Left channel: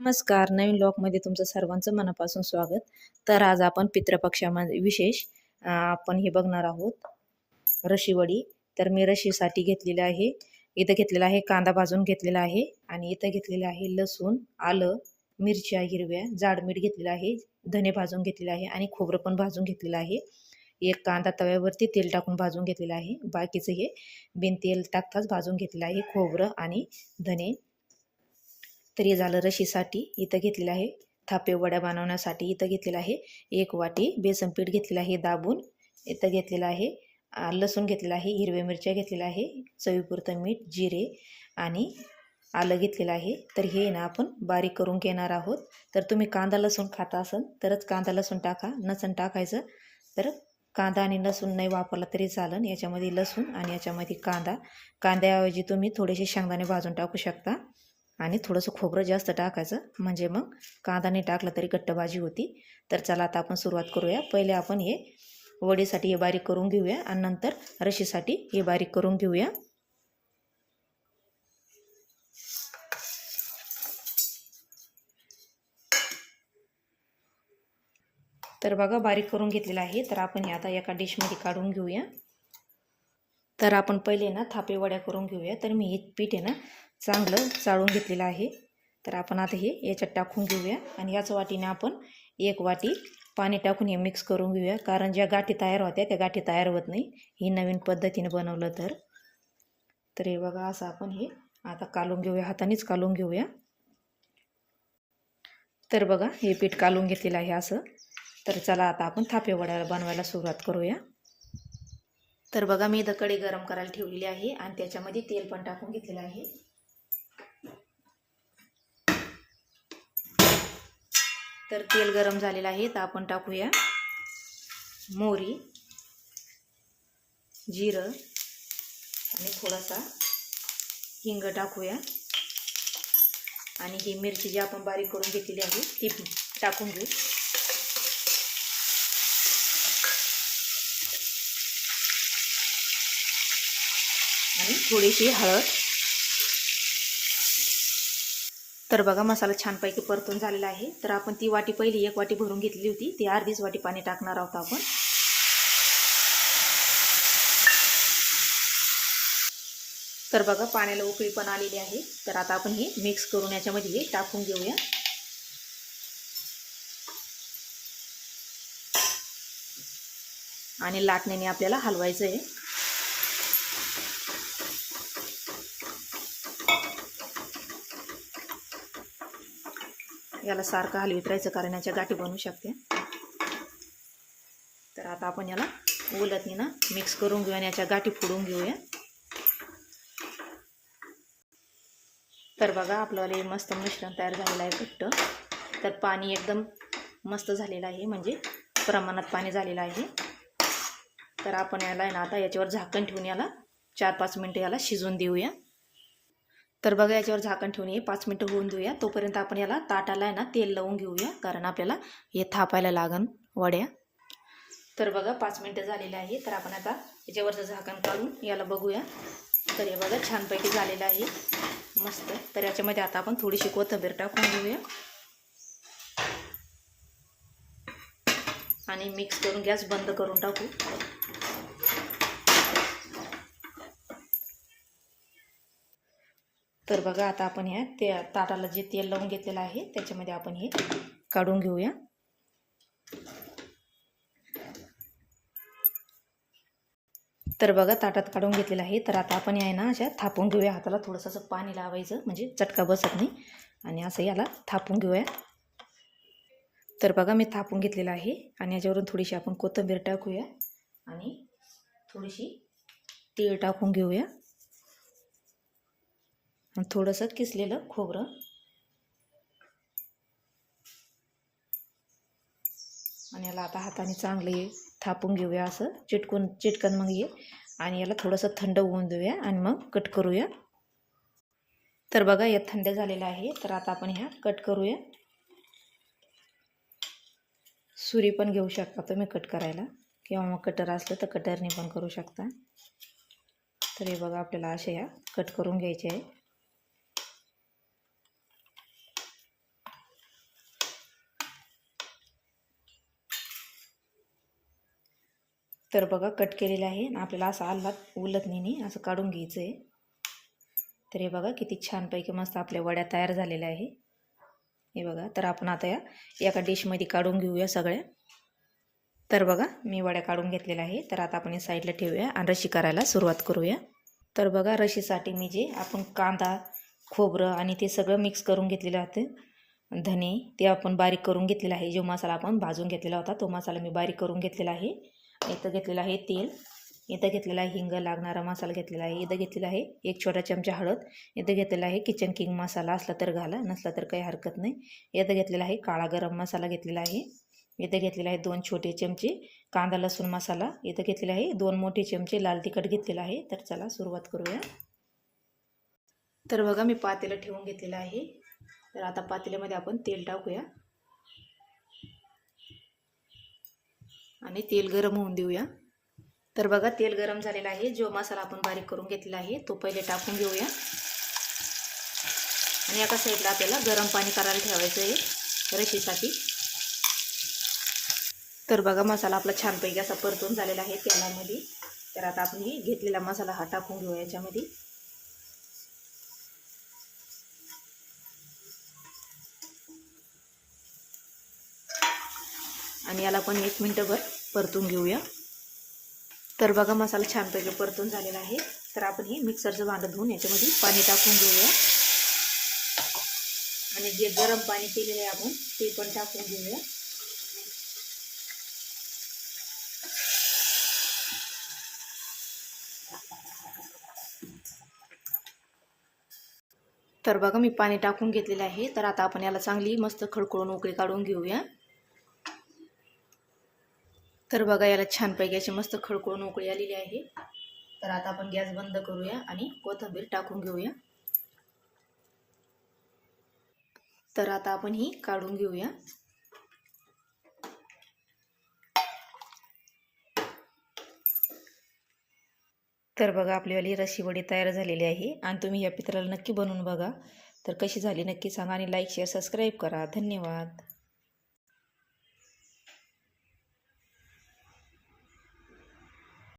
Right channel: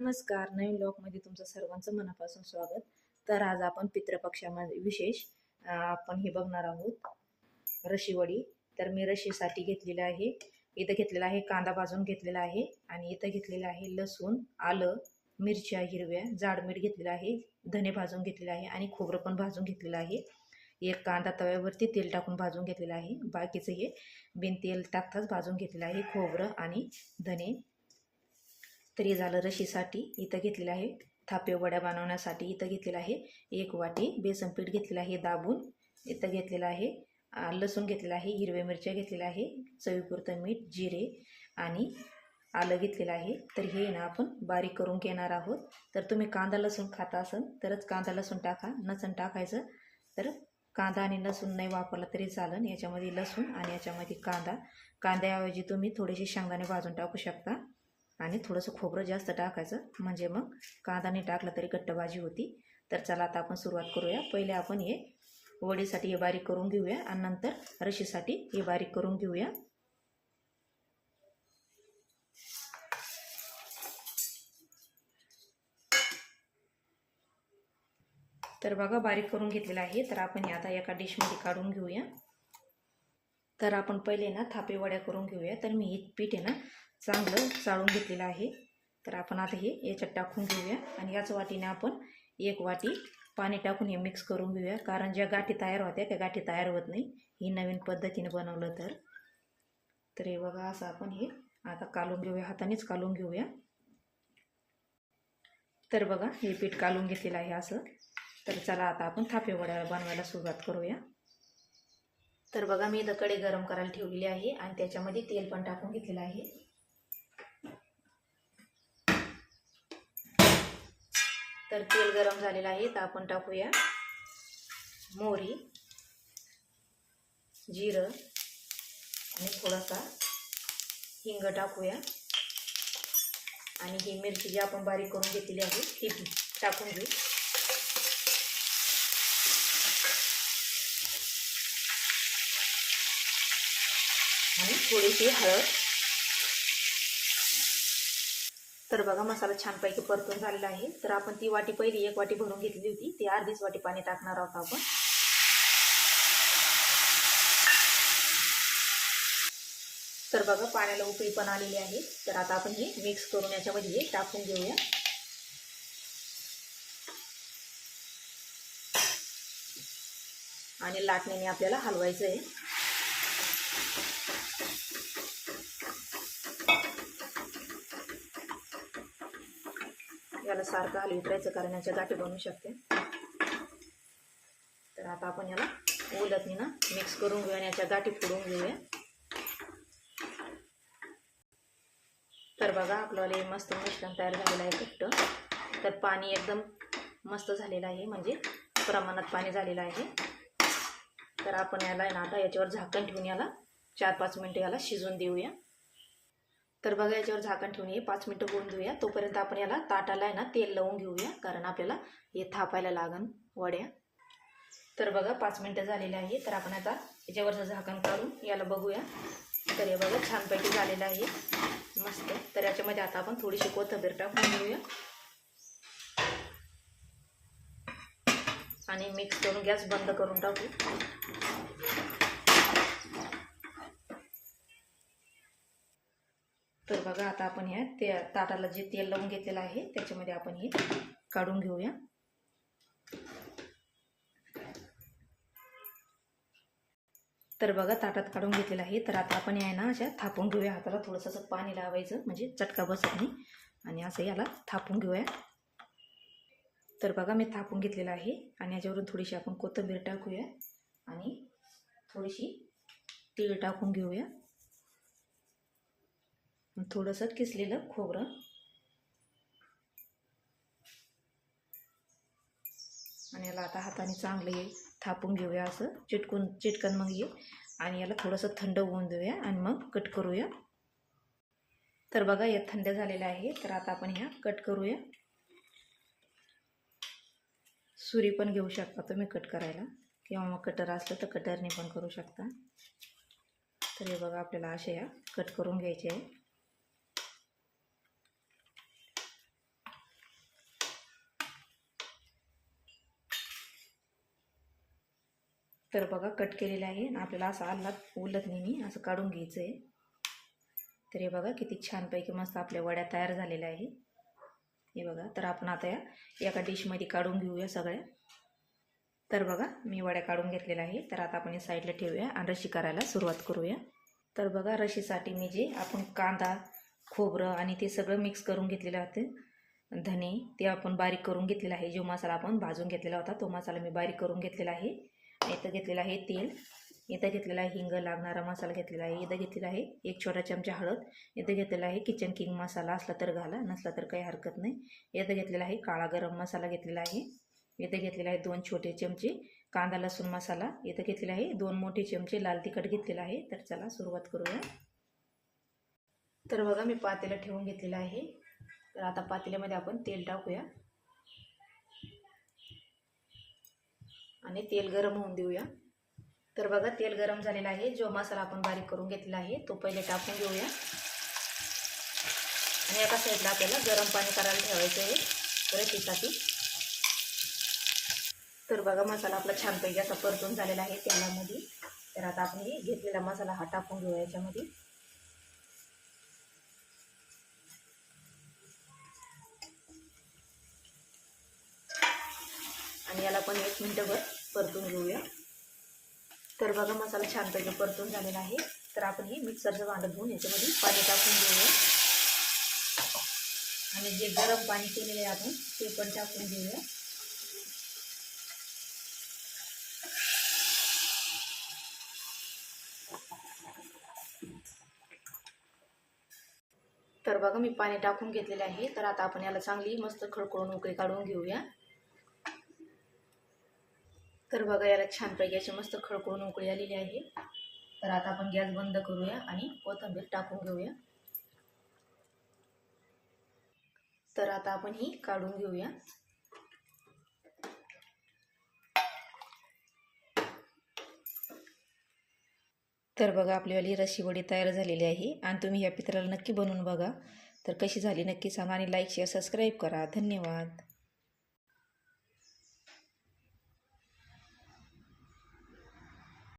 नमस्कार. नवीन लॉकमध्ये तुमचं सर्वांचं मनापासून स्वागत. तर आज आपण पितृपक्षामध्ये विशेष आपण हे बघणार आहोत. रशीवडी तर मी रशीसाठी घेतलेलं आहे. इथं घेतलेला आहे कांदा भाजून घेतलेला आहे आणि इथं घेतलेलं आहे लसूण आलं मिरच्या हिरव्या जाड मीठ घेतलेलं आहे धने भाजून घेतलेलं आहे आणि खोबरं पण भाजून घेतलेलं आहे. एक कांदा तव्यावरती तेल टाकून भाजून घेतलेलं आहे. बाकीचं हे बिन तेल टाकताच भाजून घेतलेलं आहे खोबरं आणि धने. तर हे झालं रशीसाठी इथं घेतलेलं आहे. थापे वड्या बनवण्यासाठी इथं घेतलेलं आहे. एक वाटी बेसन पीठ घेतलेलं आहे दाबून. इथं घेतलेलं आहे. लसूण घेतलेलं आहे. हिरव्या मिरच्या घेतलेल्या आहे. चवीपुरतं मीठ जिरे आणि आलं घेतलेलं आहे. तर हे ना आपण बारीक करून घेणार आहोत. तर तुम्ही कांदा लसूण खाता असाल तरच कांदा लसूण टाका. नसन टाकायचं तर कांदा आणि लसूण नाही वापरला तरी चालन. याच्यामध्ये लसूण आणि याच्यामध्ये कांदा. कांद्याऐवजी तुम्ही थोडेसे शेंगदाणे भाजून टाकू शकता. आणि थोडंसं खोबरं जास्त टाकायचं. म्हणजे मग कांदा नाही तरी घट्ट भाजी होती. तर चला आता आपण सुरुवात करूया. पहिले आपण हे वडीसाठी हे बारीक करून घेऊया आणि नंतर रशीसाठी हे बारीक करून घेऊया. तर बघा बारीक करून घेतलेलं आहे. तर आपण हे आता एका डिशमध्ये काढून घेऊया. तर आपण पहिले ना थापे वड्या करून घेऊया. तर मी हे पीठ आहे ना चांगलं चाळून घेतलेलं आहे. तर आपण आता हे याच्यात टाकून घेऊया आणि याच वाटीने आपण एक वाटी पाणी टाकून हे मिक्स करून घेऊया. कारण ज्या गाठी तयार होत्या त्या गाठी तयार होत नाही. ही नवीन पद्धतीने बनवलं तर. तर हे बघा असं आपण हे आता कालून घेऊया. हातानेच कालून घेऊया. तर बघा हे पीठ कालून घेतलेलं आहे असं. तर चला आता आपण थापे बनवायला सुरुवात करूया. तर बघा मी इथं गरम करायला ठेवलेली आहे आणि त्याच्यामध्ये तेल पण टाकून घेतलेलं आहे. तर तेल गरम झालेलं आहे तर आपण टाकूया मोहरी जिरं आणि थोडासा हिंग टाकूया. आणि ही मिरची जी आपण बारीक करून घेतलेली आहे ती टाकून घेऊ. आणि थोडीशी हळद. तर बघा मसाला छानपैकी परतून झालेला आहे. तर आपण ती वाटी पहिली एक वाटी भरून घेतली होती. ती अर्धीच वाटी पाणी टाकणार आहोत आपण. तर बघा पाण्याला उकळी पण आलेली आहे. तर आता आपण हे मिक्स करून याच्यामध्ये हे टाकून घेऊया. आणि लाटण्याने आपल्याला हलवायचं आहे. याला सारखं हलवीत राहायचं कारण याच्या गाठी बनवू शकते. तर आता आपण याला उलटनी ना मिक्स करून घेऊया आणि याच्या गाठी फोडून घेऊया. तर बघा आपल्याला मस्त मिश्रण तयार झालेलं आहे घट्ट. तर पाणी एकदम मस्त झालेलं आहे म्हणजे प्रमाणात पाणी झालेलं आहे. तर आपण याला आहे ना आता याच्यावर झाकण ठेवून याला चार पाच मिनटं याला शिजवून देऊया. तर बघा याच्यावर झाकण ठेवून हे पाच मिनटं होऊन देऊया. तोपर्यंत आपण याला ताटाला आहे ना तेल लावून घेऊया कारण आपल्याला हे थापायला लागन वड्या. तर बघा पाच मिनटं झालेलं आहे. तर आपण आता याच्यावरचं झाकण काढून याला बघूया. तर हे बघा छानपैकी झालेलं आहे. मस्त. तर याच्यामध्ये आता आपण थोडीशी कोथंबीर टाकून घेऊया. आणि मिक्स करून गॅस बंद करून टाकू. तर बघा आता आपण ह्या ते ताटाला जे तेल लावून घेतलेलं आहे त्याच्यामध्ये आपण हे काढून घेऊया. तर बघा ताटात काढून घेतलेलं आहे. तर आता आपण आहे ना अशा थापून घेऊया. हाताला थोडंसं असं पाणी लावायचं म्हणजे चटका बसत नाही. आणि असं याला थापून घेऊया. तर बघा मी थापून घेतलेलं आहे. आणि याच्यावरून थोडीशी आपण कोथिंबीर टाकूया. आणि थोडीशी तीळ टाकून घेऊया. थोडंसं किसलेलं खोबरं. आणि याला आता हाताने चांगलं थापून घेऊया असं. चिटकून चिटकन मग ये. आणि याला थोडंसं थंड होऊन देऊया आणि मग कट करूया. तर बघा या थंड झालेलं आहे. तर आता आपण ह्या कट करूया. सुरी पण घेऊ शकता तुम्ही कट करायला. किंवा मग कटर असलं तर कटरने पण करू शकता. तर हे बघा आपल्याला अशा ह्या कट करून घ्यायचे आहे. तर बघा कट केलेलं आहे. आणि आपल्याला असं आल्लात उलत नाही असं काढून घ्यायचं आहे तर हे बघा किती छानपैकी मस्त आपल्या वड्या तयार झालेल्या आहे. हे बघा तर आपण आता या एका डिशमध्ये काढून घेऊया सगळ्या. तर बघा मी वड्या काढून घेतलेल्या आहे तर आता आपण साईडला ठेवूया आणि रशी करायला सुरुवात करूया. तर बघा रशीसाठी मी जे आपण कांदा खोबरं आणि ते सगळं मिक्स करून घेतलेलं होतं धने ते आपण बारीक करून घेतलेला आहे. जो मसाला आपण भाजून घेतलेला होता तो मसाला मी बारीक करून घेतलेला आहे. इथं घेतलेलं आहे तेल. इथं घेतलेला आहे हिंग लागणारा मसाला घेतलेला आहे. इथं घेतलेला आहे एक छोटा चमचा हळद. इथं घेतलेला आहे किचन किंग मसाला असला तर घाला नसला तर काही हरकत नाही. इथं घेतलेला आहे काळा गरम मसाला घेतलेला आहे. इथं घेतलेला आहे दोन छोटे चमचे कांदा लसूण मसाला. इथं घेतलेला आहे दोन मोठे चमचे लाल तिखट घेतलेला आहे. तर चला सुरुवात करूया. तर बघा मी पातेलं ठेवून घेतलेलं आहे. तर आता पातेल्यामध्ये आपण तेल टाकूया. आणि तेल गरम होऊन देऊया. तर बघा तेल गरम झालेलं आहे. जो मसाला आपण बारीक करून घेतलेला आहे तो पहिले टाकून घेऊया. आणि एका साईडला आपल्याला गरम पाणी करायला ठेवायचं आहे रशीसाठी. तर बघा मसाला आपला छानपैकी असा परतून झालेला आहे तेलामध्ये. तर आता आपण घेतलेला मसाला हा टाकून घेऊया याच्यामध्ये. आणि याला पण एक मिनटंभर परतून घेऊया. तर बघा मसाला छानपैकी परतून झालेला आहे. तर आपण हे मिक्सरचं भांडं धुवून याच्यामध्ये पाणी टाकून घेऊया. आणि जे गरम पाणी केलेलं आहे आपण ते पण टाकून घेऊया. तर बघा मी पाणी टाकून घेतलेलं आहे. तर आता आपण याला चांगली मस्त खडखडून उकळी काढून घेऊया. तर बघा याला छानपैकी अशी मस्त खडखडून उकळी आलेली आहे. तर आता आपण गॅस बंद करूया आणि कोथिंबीर टाकून घेऊया. तर आता आपण ही काढून घेऊया. तर बघा आपलीवाली रशीवडी तयार झालेली आहे आणि तुम्ही या पित्राला नक्की बनवून बघा. तर कशी झाली नक्की सांगा आणि लाईक शेअर सबस्क्राईब करा. धन्यवाद.